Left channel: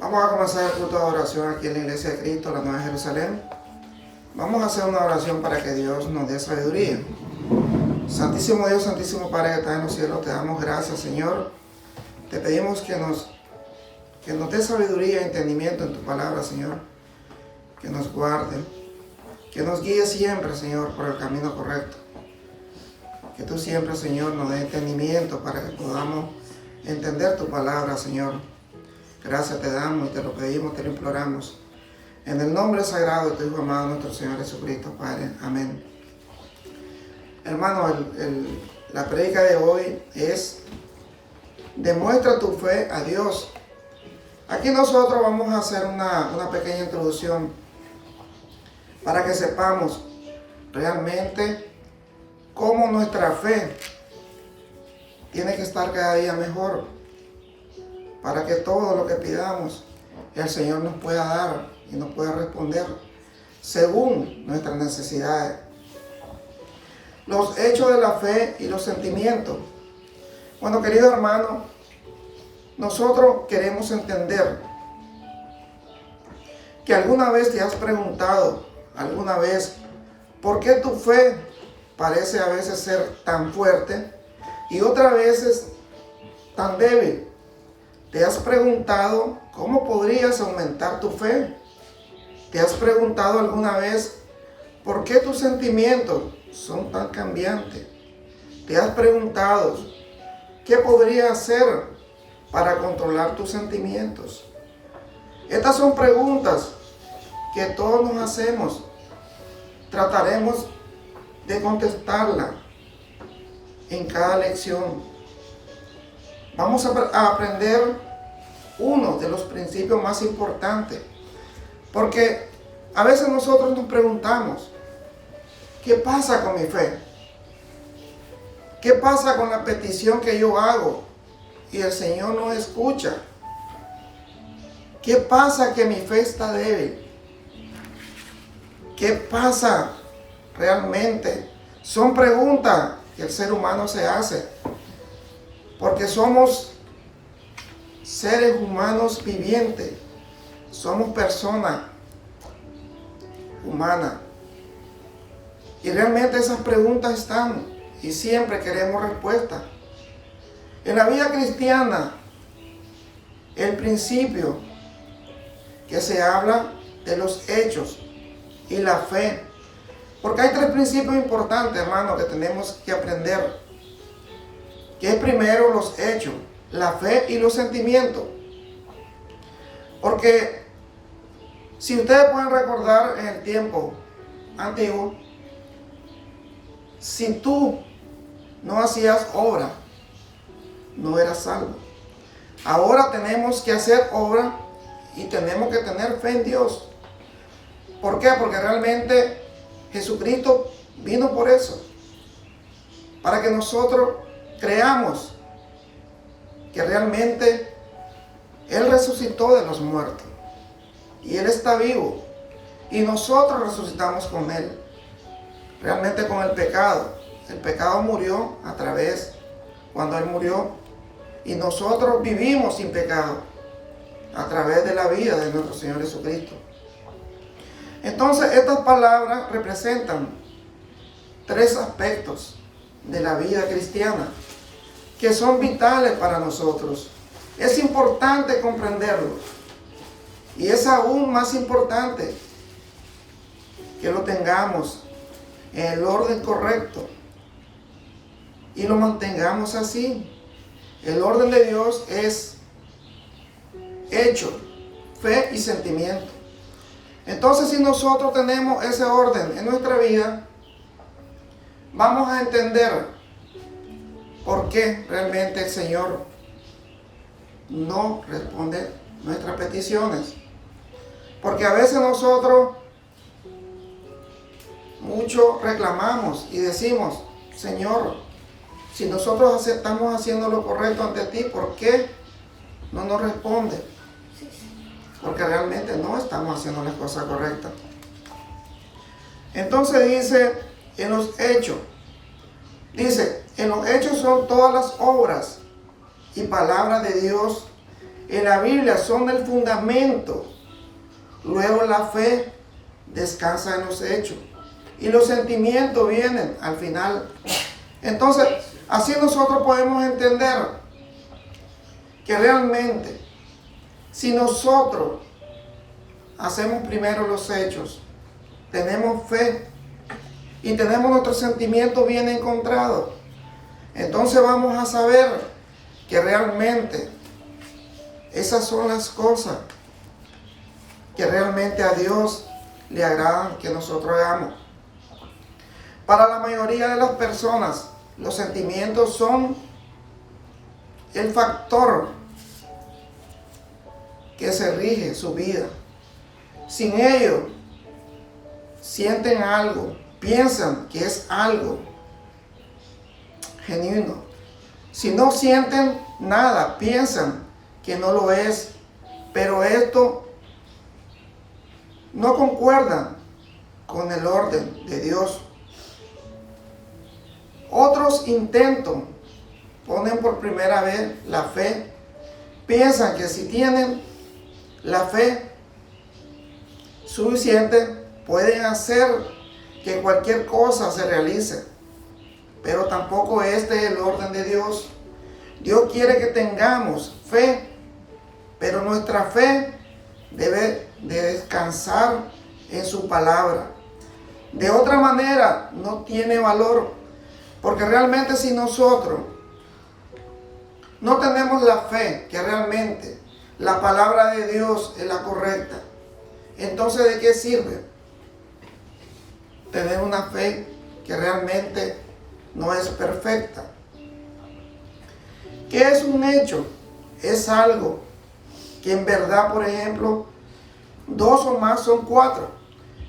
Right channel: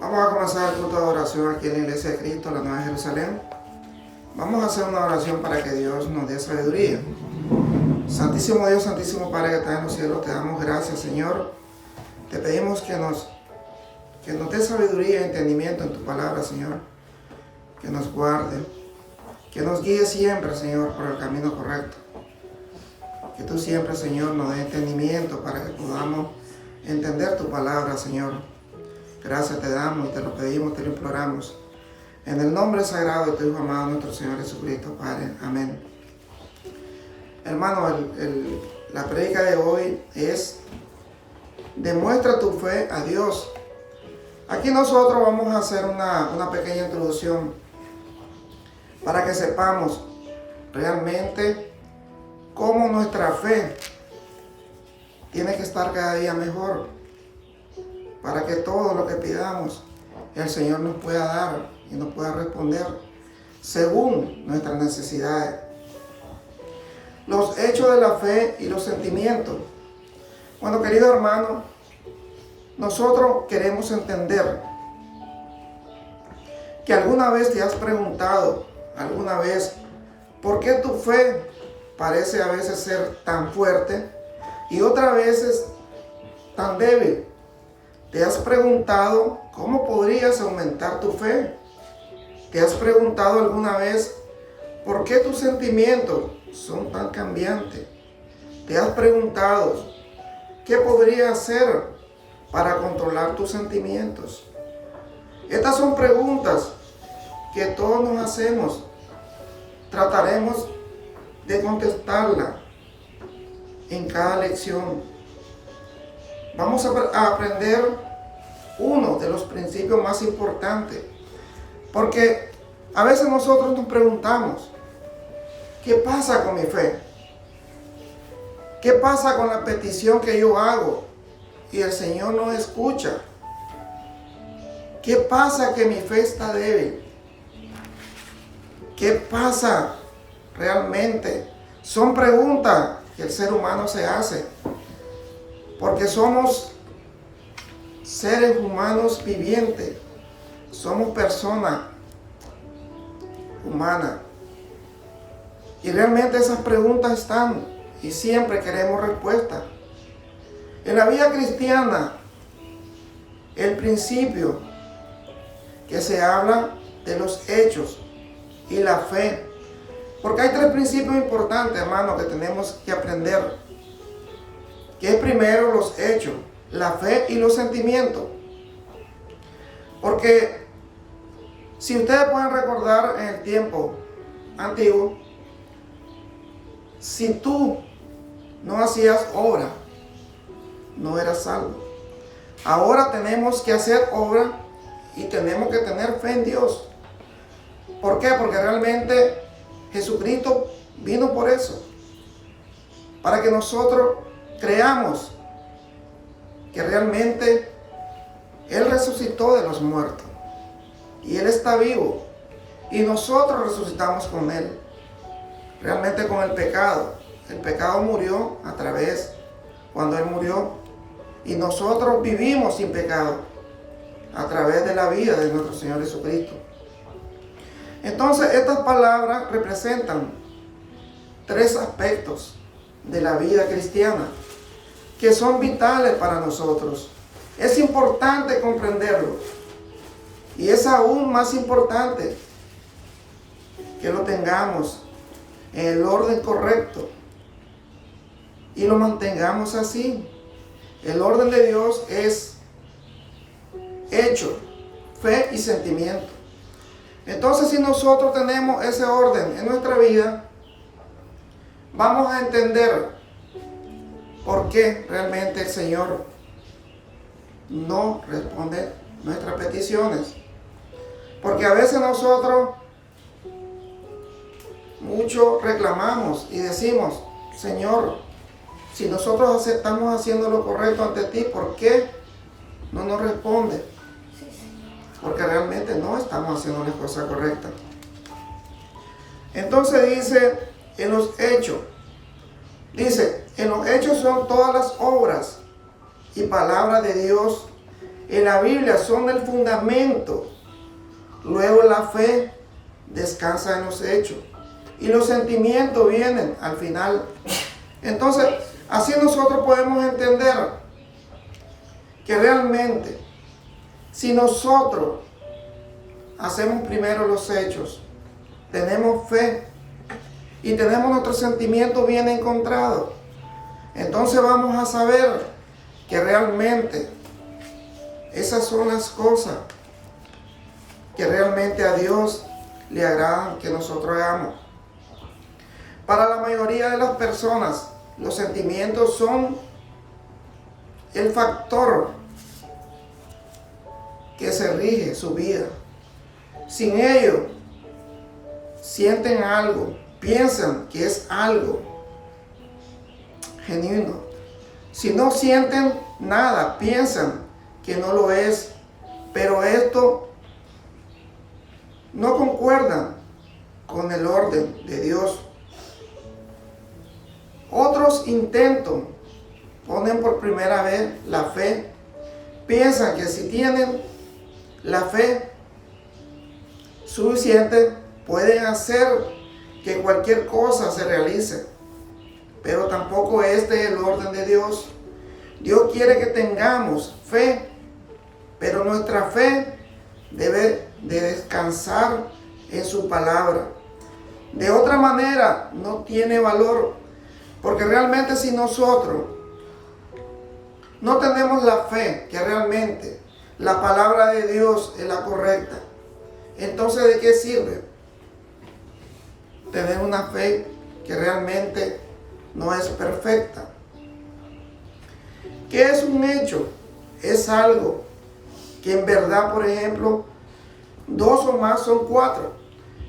Vamos a comenzar el culto de oración aquí en la Iglesia de Cristo, la Nueva Jerusalén. Vamos a hacer una oración para que Dios nos dé sabiduría. Santísimo Dios, Santísimo Padre que está en los cielos, te damos gracias, Señor. Te pedimos que nos dé sabiduría y entendimiento en tu palabra, Señor. Que nos guarde, que nos guíe siempre, Señor, por el camino correcto. Que tú siempre, Señor, nos dé entendimiento para que podamos entender tu palabra, Señor. Gracias te damos y te lo pedimos, te lo imploramos. En el nombre sagrado de tu Hijo amado, nuestro Señor Jesucristo, Padre. Amén. Hermano, la prédica de hoy es: demuestra tu fe a Dios. Aquí nosotros vamos a hacer una pequeña introducción para que sepamos realmente cómo nuestra fe tiene que estar cada día mejor, para que todo lo que pidamos el Señor nos pueda dar y nos pueda responder según nuestras necesidades. Los hechos de la fe y los sentimientos. Bueno, querido hermano, nosotros queremos entender que alguna vez te has preguntado, ¿por qué tu fe parece a veces ser tan fuerte y otras veces tan débil? ¿Te has preguntado cómo podrías aumentar tu fe? ¿Te has preguntado alguna vez por qué tus sentimientos son tan cambiantes? ¿Te has preguntado qué podrías hacer para controlar tus sentimientos? Estas son preguntas que todos nos hacemos. Trataremos de contestarlas en cada lección. Vamos a aprender uno de los principios más importantes, porque a veces nosotros nos preguntamos: ¿qué pasa con mi fe? ¿Qué pasa con la petición que yo hago y el Señor no escucha? ¿Qué pasa que mi fe está débil? ¿Qué pasa realmente? Son preguntas que el ser humano se hace, porque somos seres humanos vivientes, somos personas humanas. Y realmente esas preguntas están y siempre queremos respuestas. En la vida cristiana, el principio que se habla de los hechos y la fe, porque hay tres principios importantes, hermano, que tenemos que aprender, que es primero los hechos, la fe y los sentimientos. Porque si ustedes pueden recordar en el tiempo antiguo, si tú no hacías obra, no eras salvo. Ahora tenemos que hacer obra y tenemos que tener fe en Dios. ¿Por qué? Porque realmente Jesucristo vino por eso, para que nosotros creamos que realmente Él resucitó de los muertos y Él está vivo y nosotros resucitamos con Él. Realmente con el pecado murió a través, cuando Él murió, y nosotros vivimos sin pecado a través de la vida de nuestro Señor Jesucristo. Entonces estas palabras representan tres aspectos de la vida cristiana que son vitales para nosotros. Es importante comprenderlo y es aún más importante que lo tengamos en el orden correcto y lo mantengamos así. El orden de Dios es hecho, fe y sentimiento. Entonces, si nosotros tenemos ese orden en nuestra vida, vamos a entender por qué realmente el Señor no responde nuestras peticiones. Porque a veces nosotros mucho reclamamos y decimos: Señor, si nosotros estamos haciendo lo correcto ante ti, ¿por qué no nos responde? Porque realmente no estamos haciendo las cosas correctas. Entonces dice en los hechos, en los hechos son todas las obras y palabras de Dios en la Biblia son el fundamento. Luego la fe descansa en los hechos y los sentimientos vienen al final. Entonces, así nosotros podemos entender que realmente, si nosotros hacemos primero los hechos, tenemos fe y tenemos nuestros sentimientos bien encontrados, entonces vamos a saber que realmente esas son las cosas que realmente a Dios le agradan que nosotros hagamos. Para la mayoría de las personas, los sentimientos son el factor que se rige su vida. Sin ello, sienten algo, piensan que es algo genuino. Si no sienten nada, piensan que no lo es, pero esto no concuerda con el orden de Dios. Otros intentos ponen por primera vez la fe. Piensan que si tienen la fe suficiente, pueden hacer que cualquier cosa se realice. Pero tampoco este es el orden de Dios. Dios quiere que tengamos fe, pero nuestra fe debe de descansar en su palabra. De otra manera, no tiene valor. Porque realmente si nosotros no tenemos la fe que realmente la palabra de Dios es la correcta, entonces ¿de qué sirve tener una fe que realmente no es perfecta? ¿Qué es un hecho? Es algo que en verdad, por ejemplo, 2 o más son 4.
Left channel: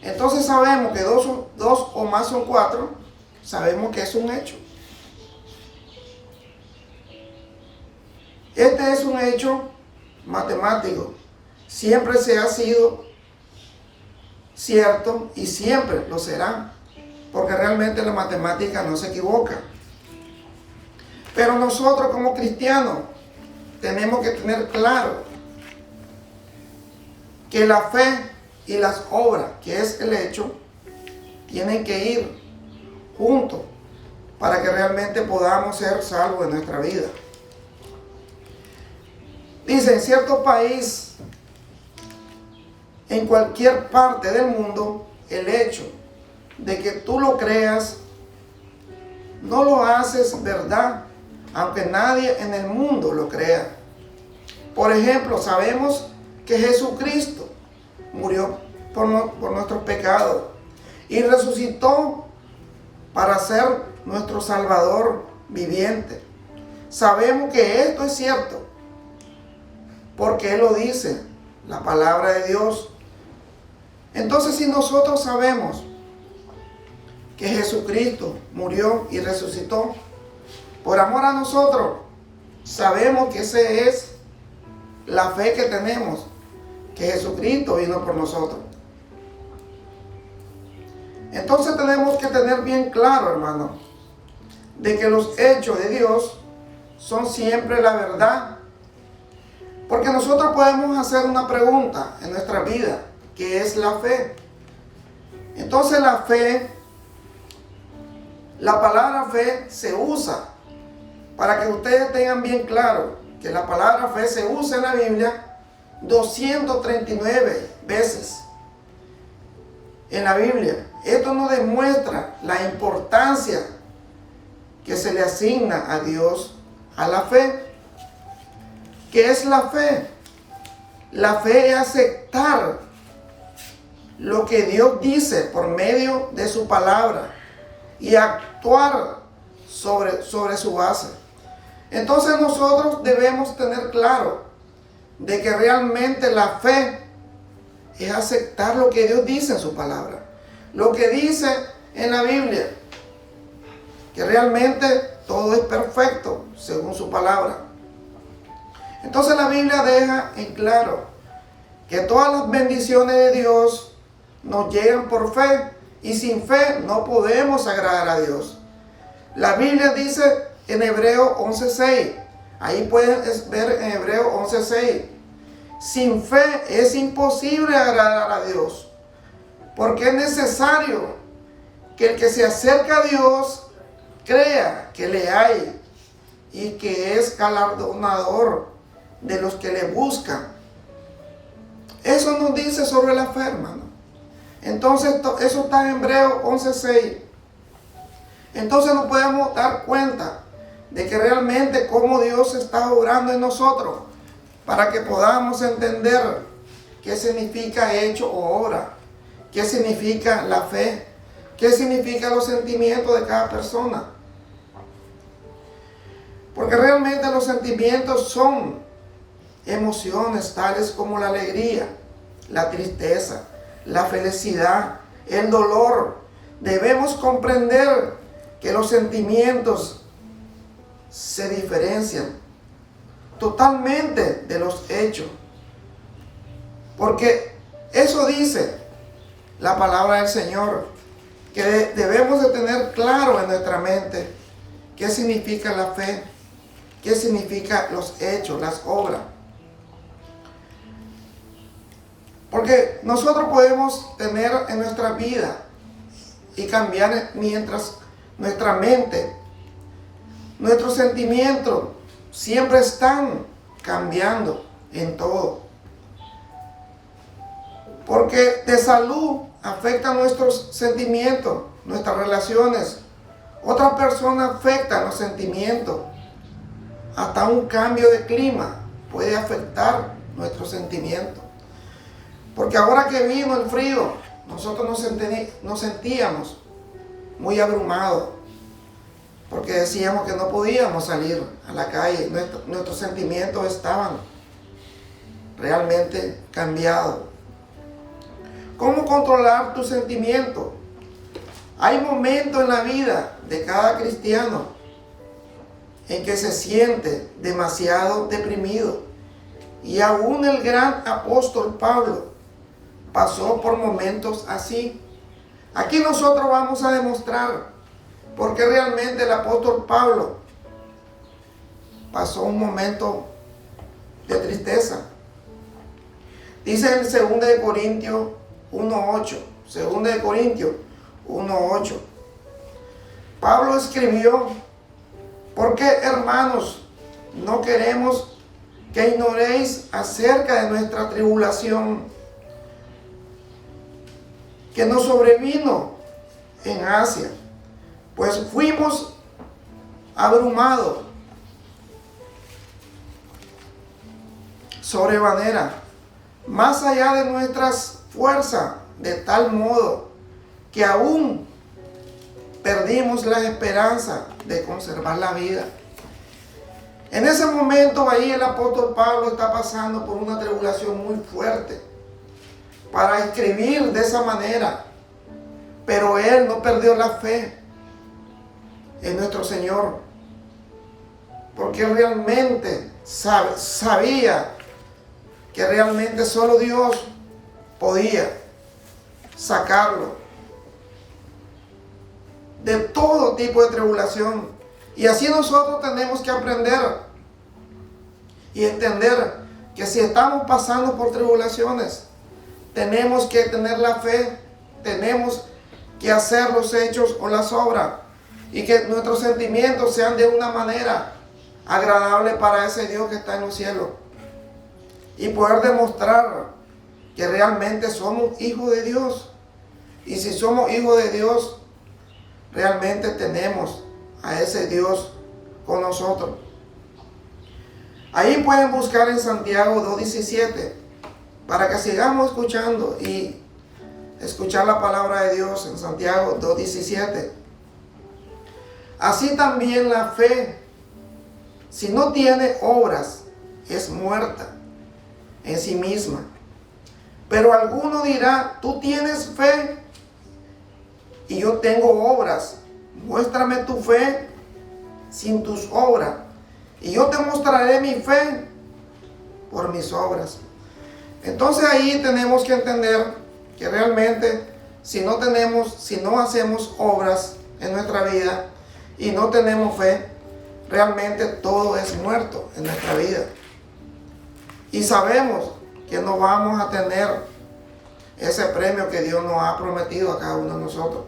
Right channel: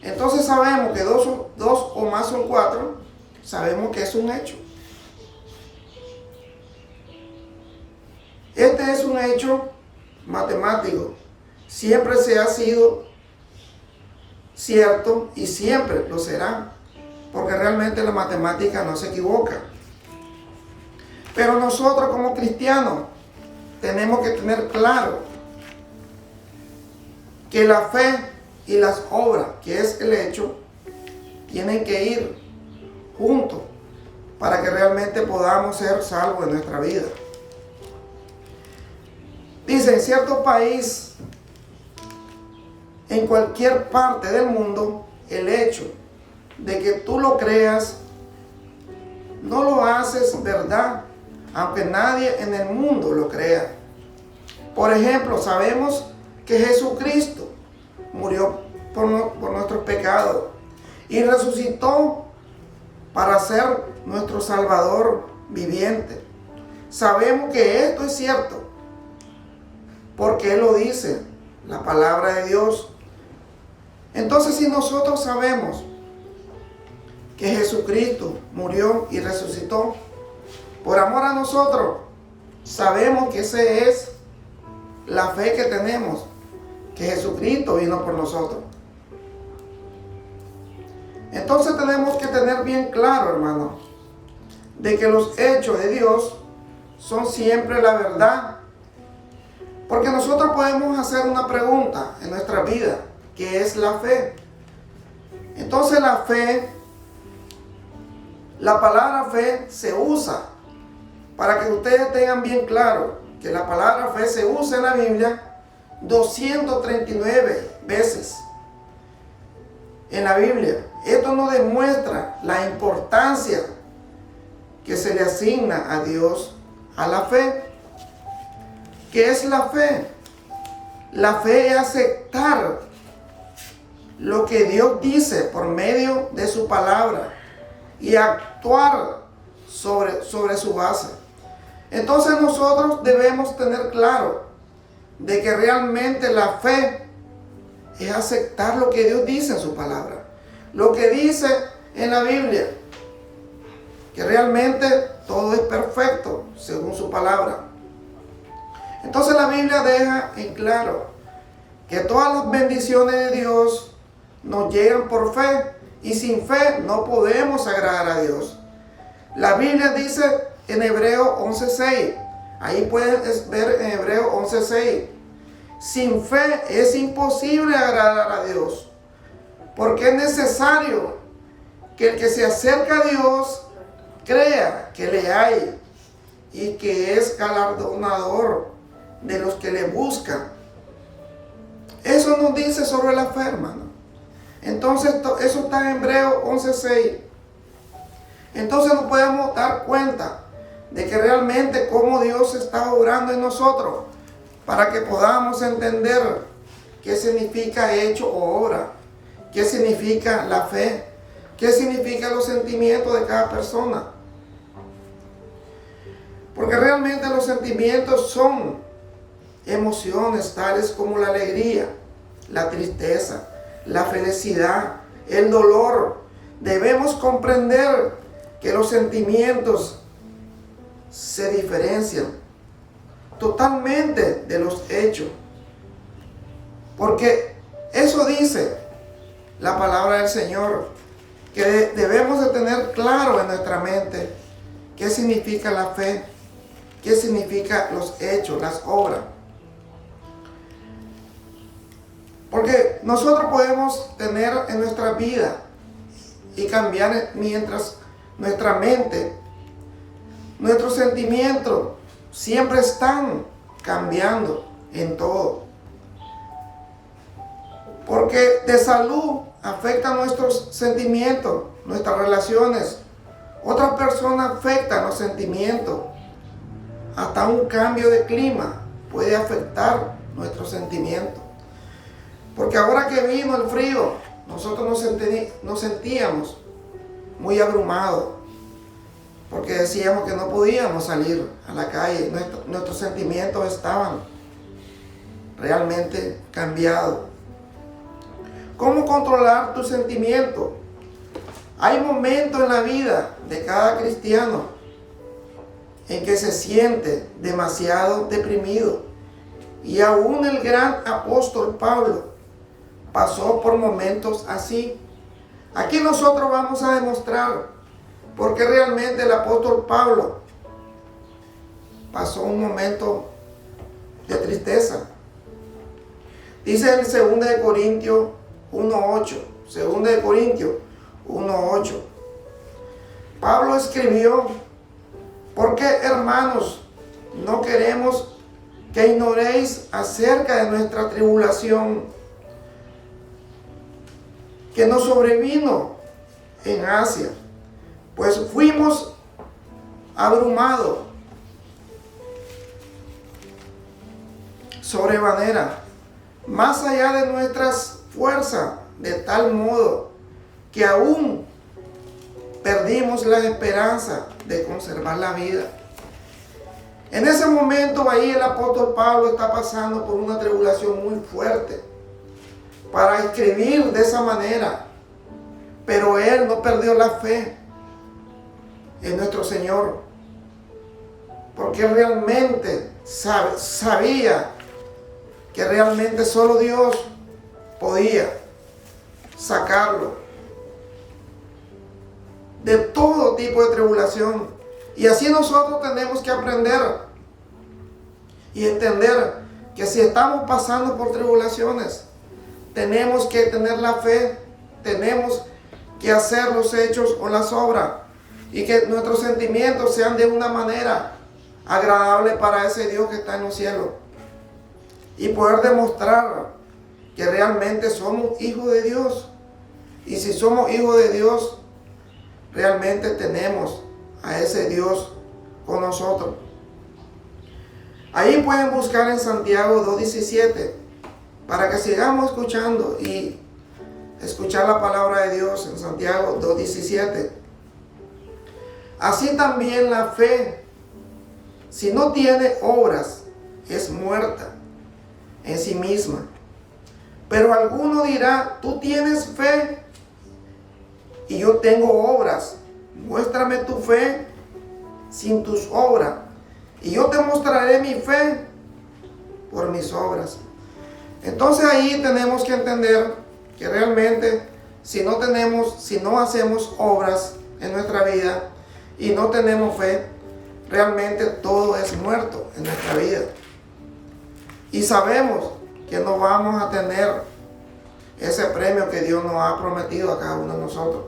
Entonces sabemos que 2 o más son 4. Sabemos que es un hecho. Este es un hecho matemático. Siempre se ha sido cierto y siempre lo será. Porque realmente la matemática no se equivoca. Pero nosotros como cristianos tenemos que tener claro que la fe y las obras, que es el hecho, tienen que ir juntos para que realmente podamos ser salvos en nuestra vida. Dice, en cierto país, en cualquier parte del mundo, el hecho de que tú lo creas, no lo haces verdad, aunque nadie en el mundo lo crea. Por ejemplo, sabemos que Jesucristo murió por nuestros pecados y resucitó para ser nuestro Salvador viviente. Sabemos que esto es cierto, porque Él lo dice, la palabra de Dios. Entonces, si nosotros sabemos que Jesucristo murió y resucitó por amor a nosotros, sabemos que esa es la fe que tenemos, que Jesucristo vino por nosotros. Entonces tenemos que tener bien claro, hermano, de que los hechos de Dios son siempre la verdad. Porque nosotros podemos hacer una pregunta en nuestra vida, que es la fe. Entonces la fe, la palabra fe se usa, para que ustedes tengan bien claro, que la palabra fe se usa en la Biblia 239 veces. En la Biblia. Esto nos demuestra la importancia que se le asigna a Dios a la fe. ¿Qué es la fe? La fe es aceptar lo que Dios dice por medio de su palabra y actuar sobre su base. Entonces nosotros debemos tener claro de que realmente la fe es aceptar lo que Dios dice en su palabra. Lo que dice en la Biblia, que realmente todo es perfecto según su palabra. Entonces la Biblia deja en claro que todas las bendiciones de Dios nos llegan por fe, y sin fe no podemos agradar a Dios. La Biblia dice en Hebreos 11:6, Ahí pueden ver en Hebreos 11:6. Sin fe es imposible agradar a Dios, porque es necesario que el que se acerca a Dios crea que le hay y que es galardonador de los que le buscan. Eso nos dice sobre la fe, hermano. Entonces, eso está en Hebreos 11:6. Entonces nos podemos dar cuenta de que realmente cómo Dios está obrando en nosotros para que podamos entender qué significa hecho o obra, qué significa la fe, qué significan los sentimientos de cada persona. Porque realmente los sentimientos son emociones tales como la alegría, la tristeza, la felicidad, el dolor. Debemos comprender que los sentimientos se diferencian totalmente de los hechos. Porque eso dice la palabra del Señor, que debemos de tener claro en nuestra mente qué significa la fe, qué significa los hechos, las obras. Porque nosotros podemos tener en nuestra vida y cambiar mientras nuestra mente, nuestros sentimientos siempre están cambiando en todo. Porque de salud afectan nuestros sentimientos, nuestras relaciones. Otras personas afectan los sentimientos. Hasta un cambio de clima puede afectar nuestros sentimientos. Porque ahora que vino el frío, nosotros nos sentíamos muy abrumados. Porque decíamos que no podíamos salir a la calle. Nuestros sentimientos estaban realmente cambiados. ¿Cómo controlar tus sentimientos? Hay momentos en la vida de cada cristiano en que se siente demasiado deprimido. Y aún el gran apóstol Pablo pasó por momentos así. Aquí nosotros vamos a demostrar por qué realmente el apóstol Pablo pasó un momento de tristeza. Dice en 2 Corintios 1:8. 2 Corintios 1:8. Pablo escribió: porque, hermanos, no queremos que ignoréis acerca de nuestra tribulación que nos sobrevino en Asia, pues fuimos abrumados sobremanera, más allá de nuestras fuerzas, de tal modo que aún perdimos la esperanza de conservar la vida. En ese momento ahí el apóstol Pablo está pasando por una tribulación muy fuerte para escribir de esa manera, pero él no perdió la fe en nuestro Señor, porque realmente sabía que realmente solo Dios podía sacarlo de todo tipo de tribulación. Y así nosotros tenemos que aprender y entender que si estamos pasando por tribulaciones, tenemos que tener la fe, tenemos que hacer los hechos o las obras, y que nuestros sentimientos sean de una manera agradable para ese Dios que está en los cielos, y poder demostrar que realmente somos hijos de Dios. Y si somos hijos de Dios, realmente tenemos a ese Dios con nosotros. Ahí pueden buscar en Santiago 2:17 para que sigamos escuchando y escuchar la palabra de Dios en Santiago 2:17. Así también la fe, si no tiene obras, es muerta en sí misma. Pero alguno dirá: tú tienes fe y yo tengo obras. Muéstrame tu fe sin tus obras, y yo te mostraré mi fe por mis obras. Entonces ahí tenemos que entender que realmente si no hacemos obras en nuestra vida y no tenemos fe, realmente todo es muerto en nuestra vida. Y sabemos que no vamos a tener ese premio que Dios nos ha prometido a cada uno de nosotros.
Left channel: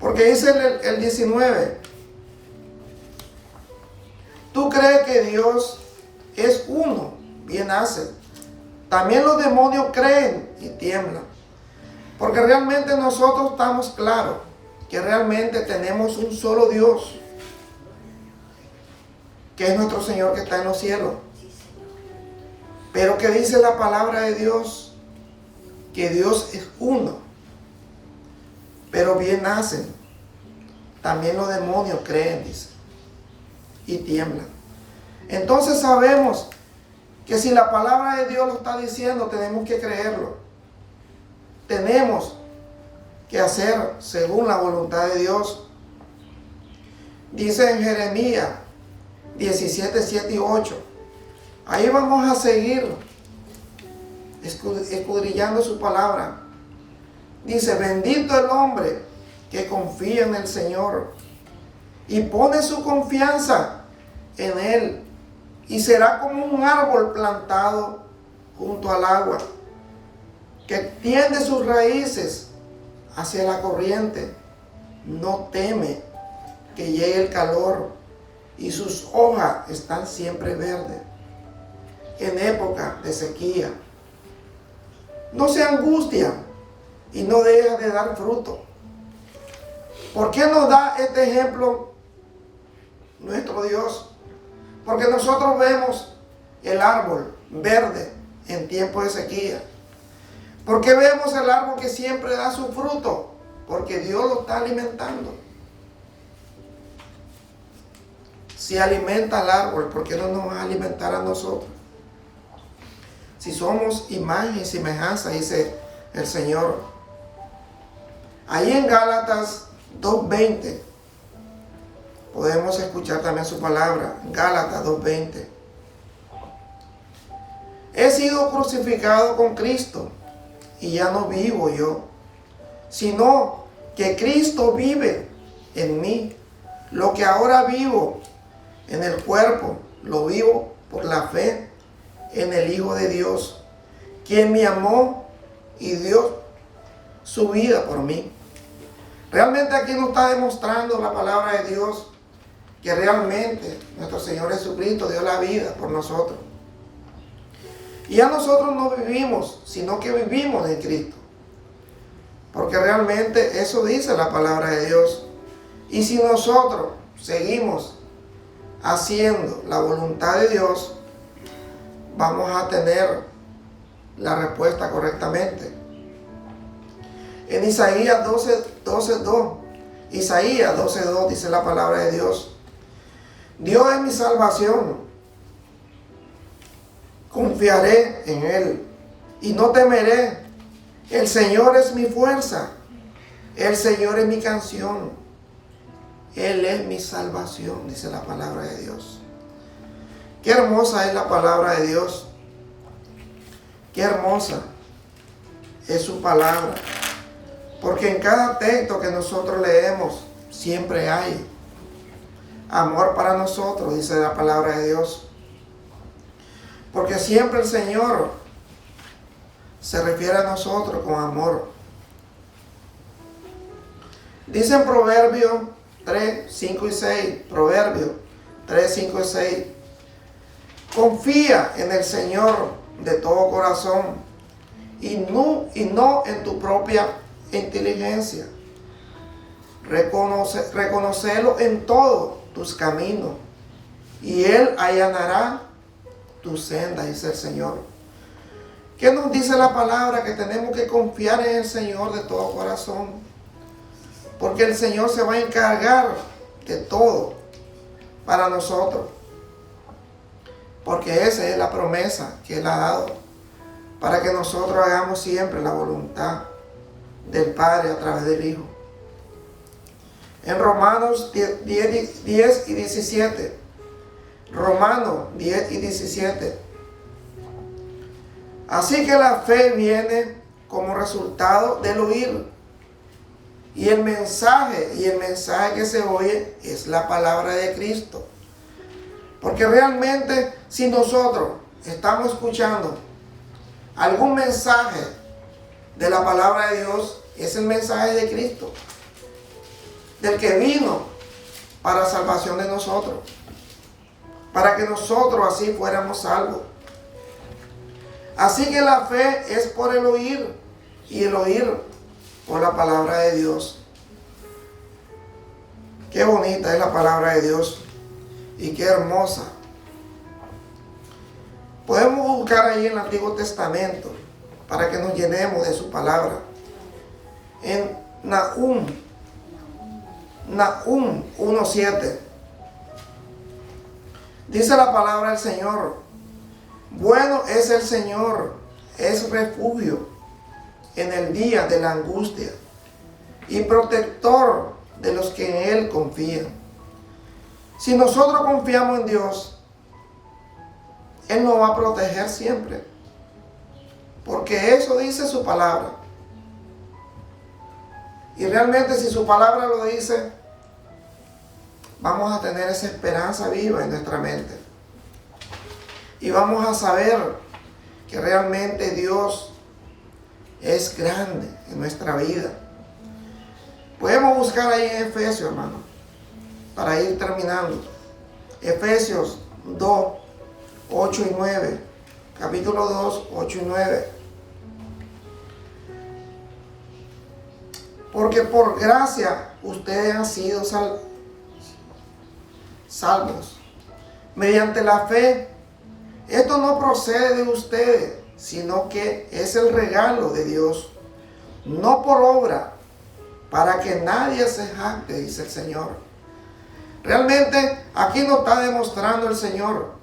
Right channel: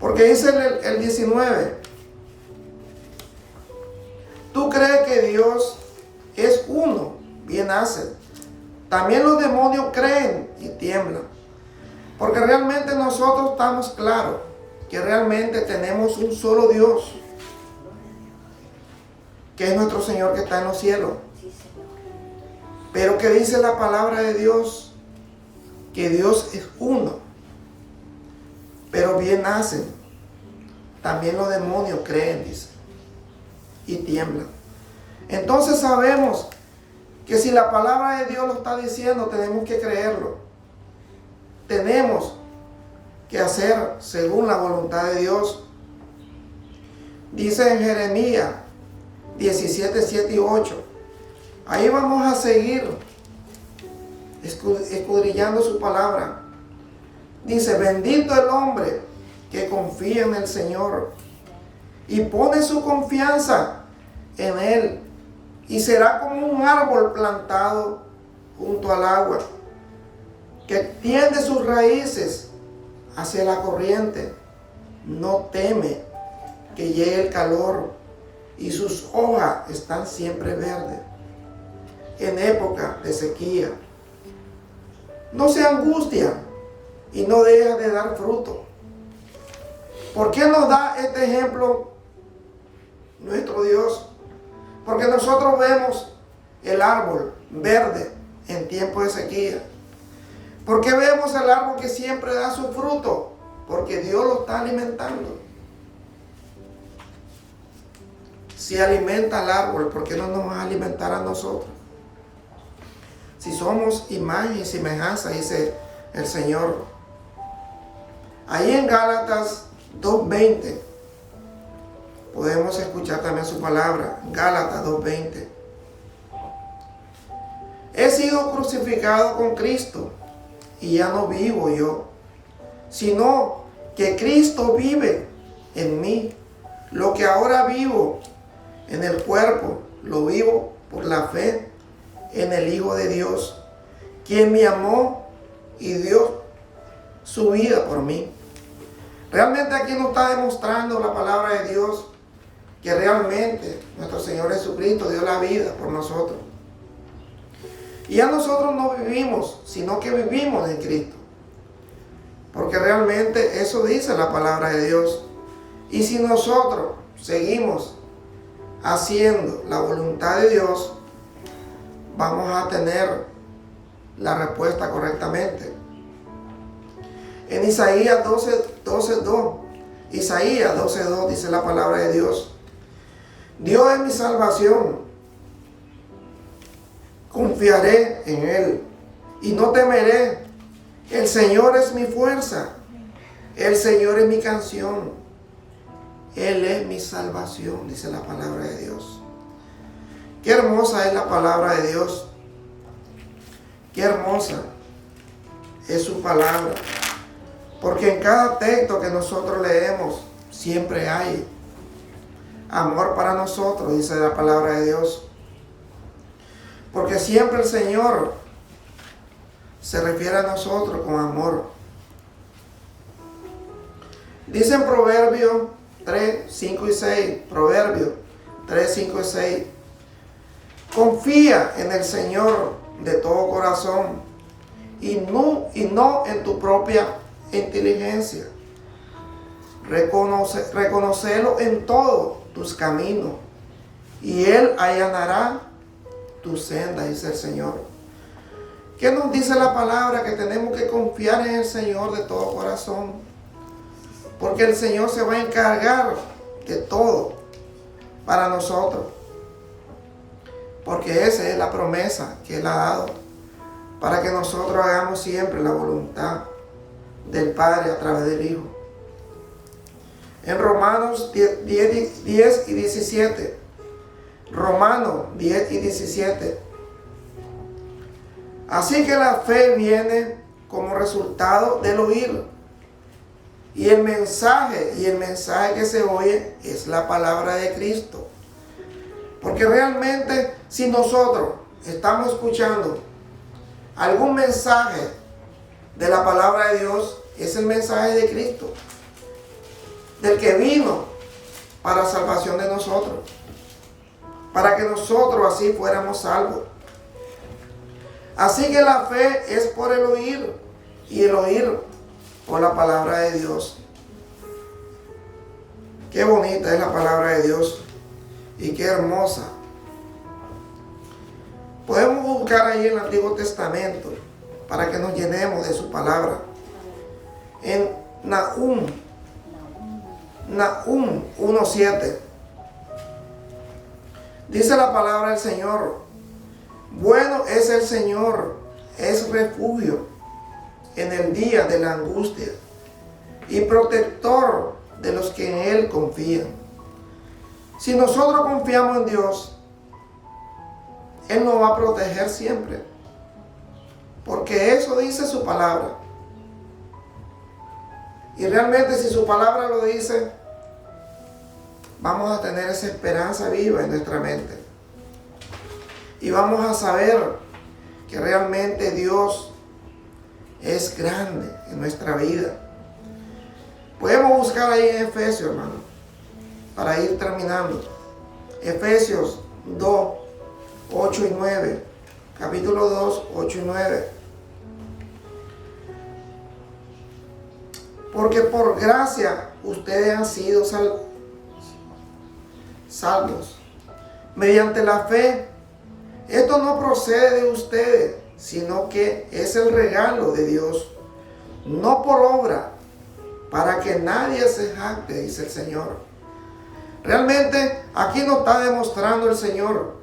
Porque dice el 19, tú crees que Dios es uno, bien haces. También los demonios creen y tiemblan. Porque realmente nosotros estamos claros que realmente tenemos un solo Dios, que es nuestro Señor que está en los cielos. Pero que dice la palabra de Dios, que Dios es uno. Pero bien hacen. También los demonios creen, dice, y tiemblan. Entonces sabemos que si la palabra de Dios lo está diciendo, tenemos que creerlo. Tenemos que hacer según la voluntad de Dios. Dice en Jeremías 17, 7 y 8. Ahí vamos a seguir escudriñando su palabra. Dice, bendito el hombre que confía en el Señor y pone su confianza en Él, y será como un árbol plantado junto al agua, que tiende sus raíces hacia la corriente. No teme que llegue el calor, y sus hojas están siempre verdes en época de sequía. No se angustia y no deja de dar fruto. ¿Por qué nos da este ejemplo nuestro Dios? Porque nosotros vemos el árbol verde en tiempo de sequía. ¿Por qué vemos el árbol que siempre da su fruto? Porque Dios lo está alimentando. Si alimenta al árbol, ¿por qué no nos va a alimentar a nosotros? Si somos imagen y semejanza, dice el Señor. Ahí en Gálatas 2:20 podemos escuchar también su palabra. Gálatas 2:20. He sido crucificado con Cristo, y ya no vivo yo, sino que Cristo vive en mí. Lo que ahora vivo en el cuerpo, lo vivo por la fe en el Hijo de Dios, quien me amó y dio su vida por mí. Realmente aquí nos está demostrando la palabra de Dios que realmente nuestro Señor Jesucristo dio la vida por nosotros. Y ya nosotros no vivimos, sino que vivimos en Cristo. Porque realmente eso dice la palabra de Dios. Y si nosotros seguimos haciendo la voluntad de Dios, vamos a tener la respuesta correctamente. En Isaías 12:2, Isaías 12:2 dice la palabra de Dios: Dios es mi salvación, confiaré en Él y no temeré. El Señor es mi fuerza, el Señor es mi canción, Él es mi salvación, dice la palabra de Dios. Qué hermosa es la palabra de Dios. Qué hermosa es su palabra. Porque en cada texto que nosotros leemos siempre hay amor para nosotros, dice la palabra de Dios. Porque siempre el Señor se refiere a nosotros con amor. Dice en Proverbios 3, 5 y 6. Proverbios 3, 5 y 6. Confía en el Señor de todo corazón y no en tu propia inteligencia. Reconocelo en todos tus caminos y Él allanará tu senda, dice el Señor. ¿Qué nos dice la palabra? Que tenemos que confiar en el Señor de todo corazón, porque el Señor se va a encargar de todo para nosotros, porque esa es la promesa que Él ha dado, para que nosotros hagamos siempre la voluntad del Padre a través del Hijo. En Romanos 10 y 17. Romanos 10 y 17. Así que la fe viene como resultado del oír, Y el mensaje que se oye es la palabra de Cristo. Porque realmente si nosotros estamos escuchando algún mensaje de la palabra de Dios, es el mensaje de Cristo, del que vino para salvación de nosotros, para que nosotros así fuéramos salvos. Así que la fe es por el oír, y el oír por la palabra de Dios. Qué bonita es la palabra de Dios y qué hermosa. Podemos buscar ahí en el Antiguo Testamento para que nos llenemos de su palabra. En Nahum 1:7 dice la palabra del Señor: bueno es el Señor, es refugio en el día de la angustia y protector de los que en Él confían. Si nosotros confiamos en Dios, Él nos va a proteger siempre, porque eso dice su palabra. Y realmente si su palabra lo dice, vamos a tener esa esperanza viva en nuestra mente. Y vamos a saber que realmente Dios es grande en nuestra vida. Podemos buscar ahí en Efesios, hermano, para ir terminando. Efesios 2, 8 y 9. Capítulo 2, 8 y 9. Porque por gracia ustedes han sido salvos mediante la fe. Esto no procede de ustedes, sino que es el regalo de Dios, no por obra, para que nadie se jacte, dice el Señor. Realmente aquí nos está demostrando el Señor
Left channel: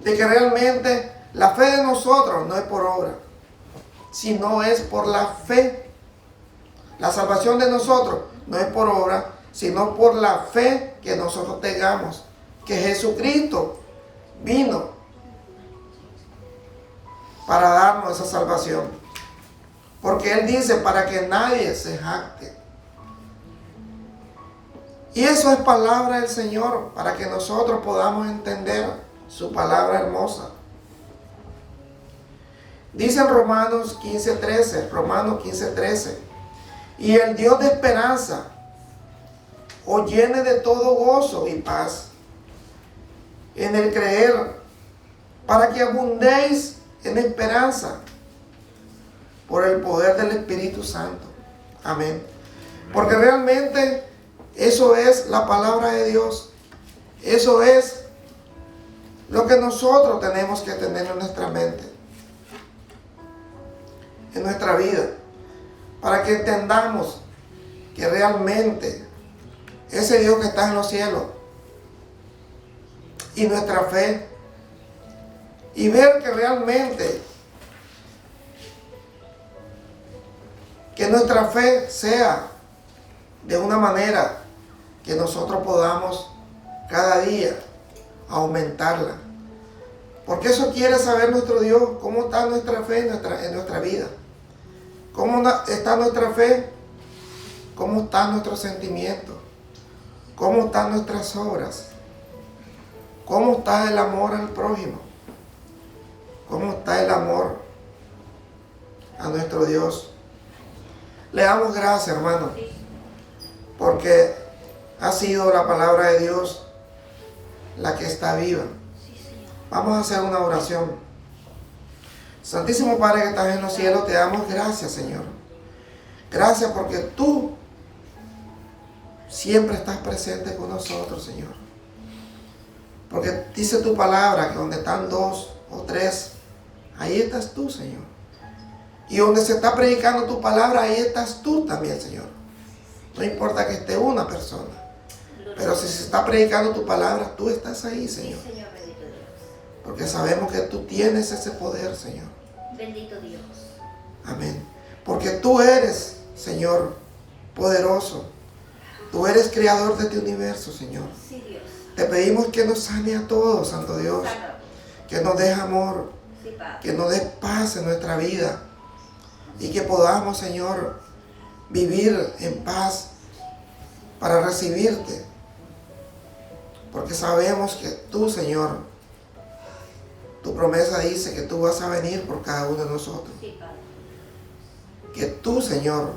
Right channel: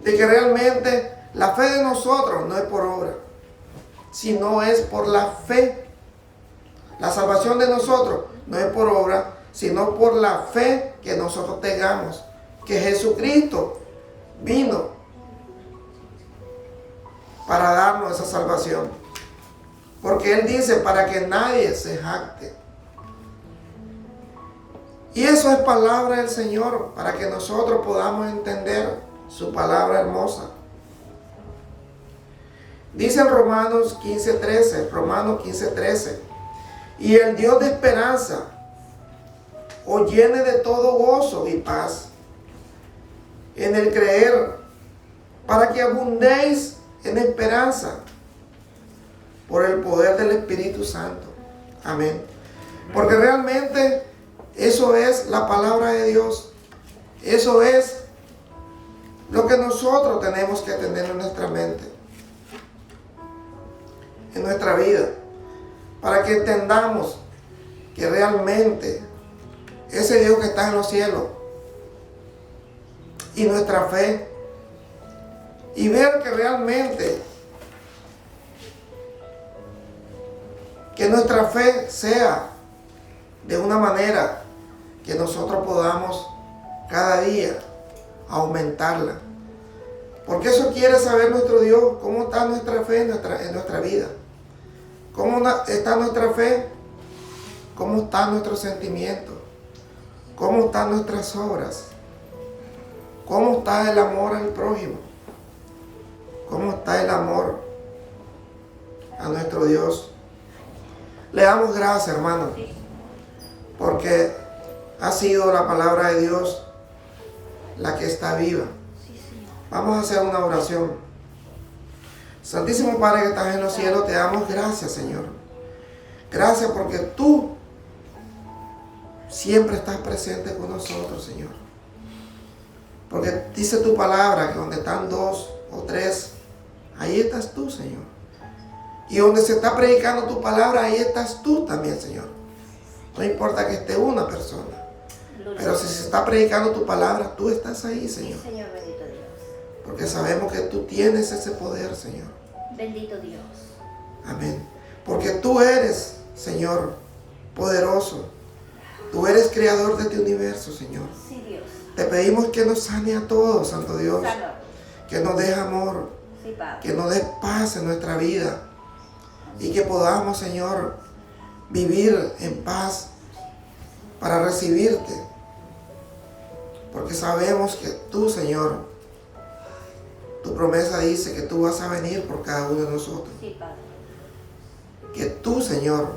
de que realmente la fe de nosotros no es por obra, sino es por la fe. La salvación de nosotros no es por obra, sino por la fe que nosotros tengamos, que Jesucristo vino para darnos esa salvación. Porque Él dice para que nadie se jacte. Y eso es palabra del Señor, para que nosotros podamos entender su palabra hermosa. Dice en Romanos 15:13, y el Dios de esperanza os llene de todo gozo y paz en el creer, para que abundéis en esperanza por el poder del Espíritu Santo. Amén. Porque realmente eso es la palabra de Dios. Eso es lo que nosotros tenemos que tener en nuestra mente, en nuestra vida, para que entendamos que realmente ese Dios que está en los cielos y nuestra fe, y ver que realmente que nuestra fe sea de una manera que nosotros podamos cada día aumentarla. Porque eso quiere saber nuestro Dios, cómo está nuestra fe en nuestra vida. ¿Cómo está nuestra fe? ¿Cómo están nuestros sentimientos? ¿Cómo están nuestras obras? ¿Cómo está el amor al prójimo? ¿Cómo está el amor a nuestro Dios? Le damos gracias, hermano, porque ha sido la palabra de Dios la que está viva. Vamos a hacer una oración. Santísimo Padre que estás en los cielos, te damos gracias, Señor. Gracias porque tú siempre estás presente con nosotros, Señor. Porque dice tu palabra que donde están 2 o 3, ahí estás tú, Señor. Y donde se está predicando tu palabra, ahí estás tú también, Señor. No importa que esté una persona, pero si se está predicando tu palabra, tú estás ahí, Señor. Sí, Señor, bendito Dios. Porque sabemos que tú tienes ese poder, Señor. Bendito Dios. Amén. Porque tú eres, Señor, poderoso. Tú eres creador de este universo, Señor. Sí, Dios. Te pedimos que nos sane a todos, Santo Dios. Salud. Que nos dé amor. Sí, Padre. Que nos dé paz en nuestra vida. Y que podamos, Señor, vivir en paz, para recibirte. Porque sabemos que tú, Señor, tu promesa dice que tú vas a venir por cada uno de nosotros. Sí, Padre. Que tú, Señor,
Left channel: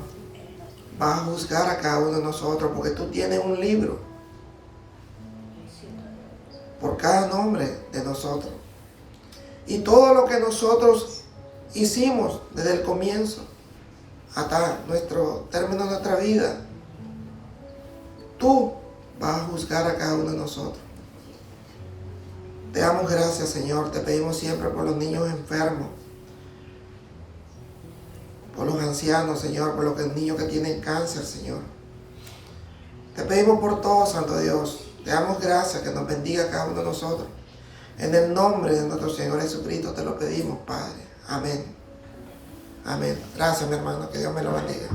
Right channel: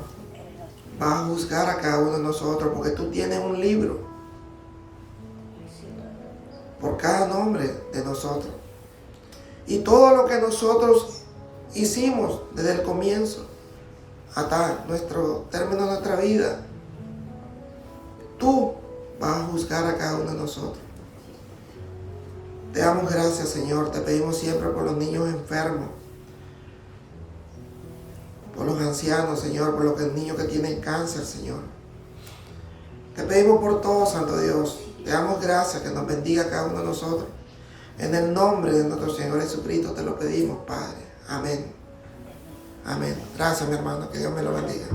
vas a juzgar a cada uno de nosotros, porque tú tienes un libro por cada nombre de nosotros. Y todo lo que nosotros hicimos desde el comienzo hasta nuestro término de nuestra vida, tú vas a juzgar a cada uno de nosotros. Te damos gracias, Señor. Te pedimos siempre por los niños enfermos, por los ancianos, Señor, por los niños que tienen cáncer, Señor. Te pedimos por todo, Santo Dios. Te damos gracias, que nos bendiga a cada uno de nosotros. En el nombre de nuestro Señor Jesucristo te lo pedimos, Padre. Amén. Amén. Gracias, mi hermano. Que Dios me lo bendiga.